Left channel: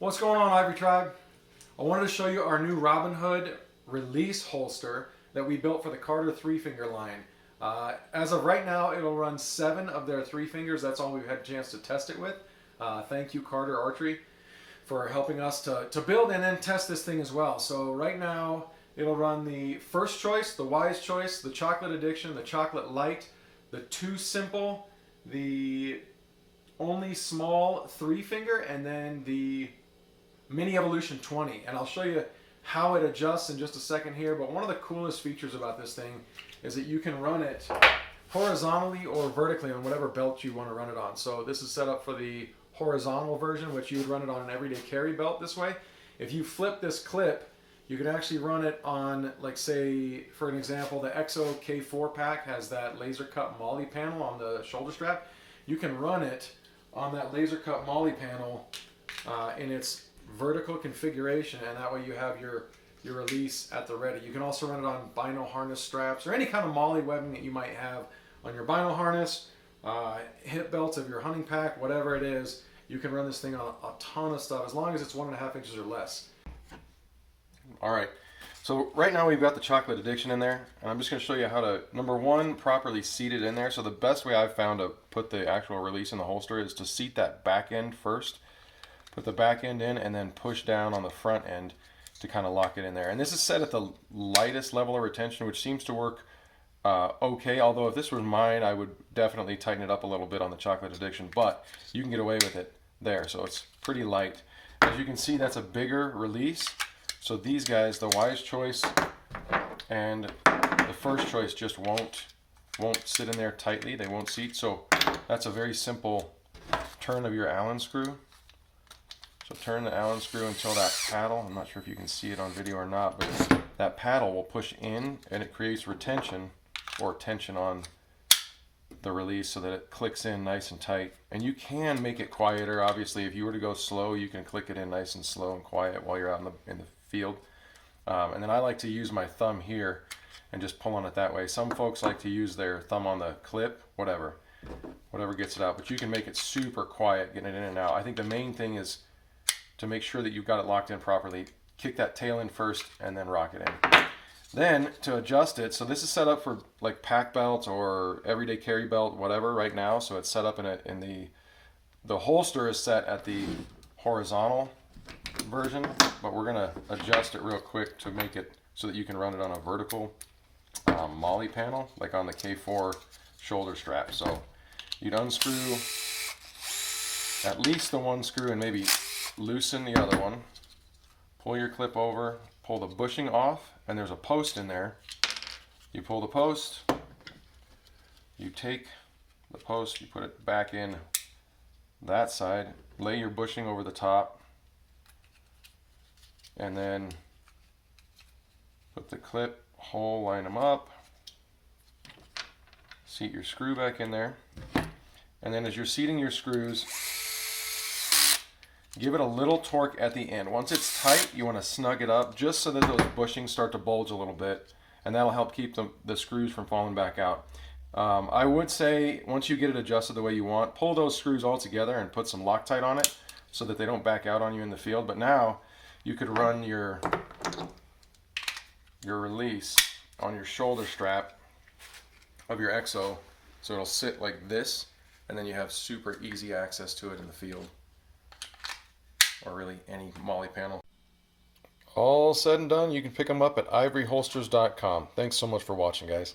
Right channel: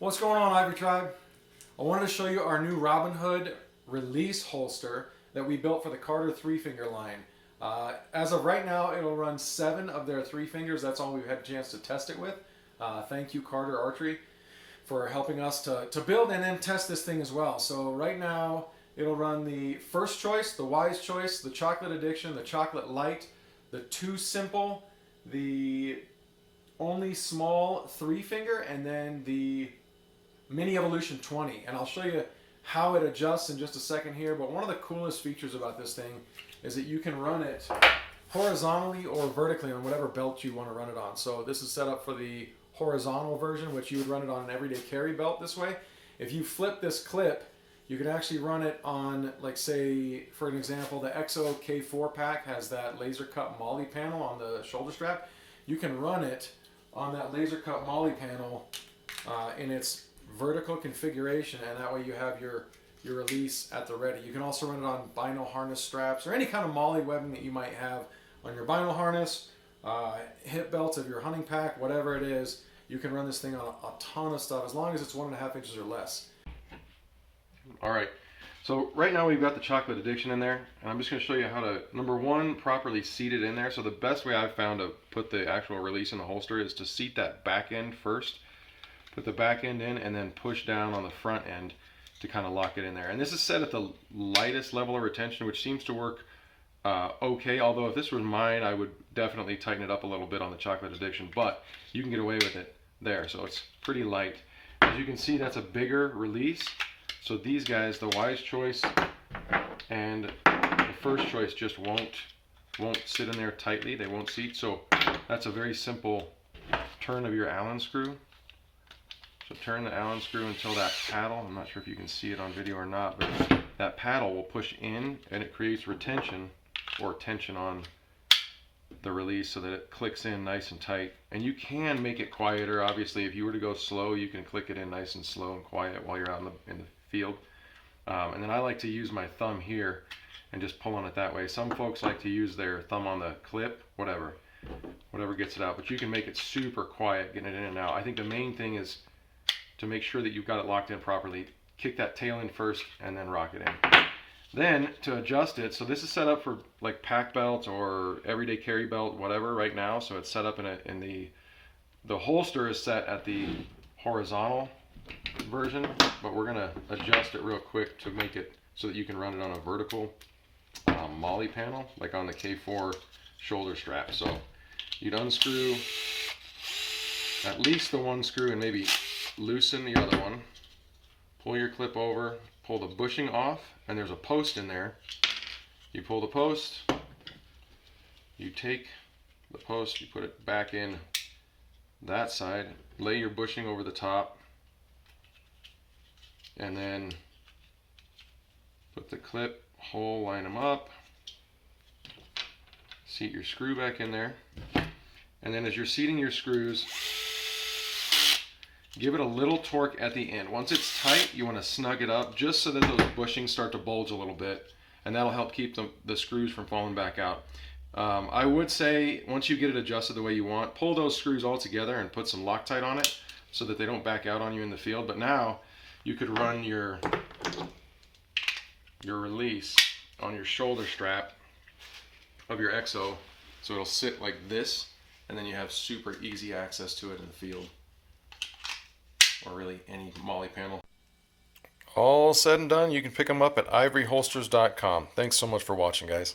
What's going on, Ivory Tribe? I wanted to show you our new Robin Hood release holster that we built for the Carter 3-finger line. As of right now, it'll run 7 of their 3 fingers. That's all we've had a chance to test it with. Thank you, Carter Archery, for helping us to build and then test this thing as well. So right now, it'll run the first choice, the wise choice, the chocolate addiction, the chocolate light, the too simple, the only small 3-finger, and then the Mini Evolution 20. And I'll show you how it adjusts in just a second here. But one of the coolest features about this thing is that you can run it horizontally or vertically on whatever belt you want to run it on. So this is set up for the horizontal version, which you would run it on an everyday carry belt this way. If you flip this clip, you can actually run it on, like, say, for an example, the EXO K4 pack has that laser cut Molle panel on the shoulder strap. You can run it on that laser cut Molle panel in its vertical configuration, and that way you have your release at the ready. You can also run it on bino harness straps or any kind of Molle webbing that you might have on your bino harness, hip belts of your hunting pack, whatever it is. You can run this thing on a ton of stuff as long as it's 1.5 inches or less. All right, so right now we've got the chocolate addiction in there, and I'm just going to show you how to, number one, properly seat it in there. So the best way I've found to put the actual release in the holster is to seat that back end first. Put the back end in and then push down on the front end to kind of lock it in there. And this is set at the lightest level of retention, which seems to work okay. Although if this was mine, I would definitely tighten it up a little bit on the chocolate addiction, but you can get away with it there. So it's pretty light. As you can see, that's a bigger release. So these guys, the wise choice and the first choice, just won't sit in there tightly. They won't seat. So that's a very simple turn of your Allen screw. So turn the Allen screw until that paddle, I'm not sure if you can see it on video or not, but that paddle will push in and it creates retention or tension on the release so that it clicks in nice and tight. And you can make it quieter. Obviously, if you were to go slow, you can click it in nice and slow and quiet while you're out in the field. And then I like to use my thumb here and just pull on it that way. Some folks like to use their thumb on the clip, whatever gets it out. But you can make it super quiet getting it in and out. I think the main thing is to make sure that you've got it locked in properly. Kick that tail in first and then rock it in. Then to adjust it, so this is set up for like pack belts or everyday carry belt, whatever right now. So it's set up in the holster is set at the horizontal version, but we're gonna adjust it real quick to make it so that you can run it on a vertical Molle panel, like on the K4 shoulder strap. So you'd unscrew at least the one screw and maybe loosen the other one. Pull your clip over, pull the bushing off, and there's a post in there. You pull the post, you take the post, you put it back in that side, lay your bushing over the top, and then put the clip hole, line them up, seat your screw back in there, and then as you're seating your screws, give it a little torque at the end. Once it's tight, you want to snug it up just so that those bushings start to bulge a little bit, and that'll help keep the screws from falling back out. I would say once you get it adjusted the way you want, pull those screws all together and put some Loctite on it so that they don't back out on you in the field. But now you could run your release on your shoulder strap of your EXO, so it'll sit like this, and then you have super easy access to it in the field, or really any Molle panel. All said and done, you can pick them up at ivoryholsters.com. Thanks so much for watching, guys.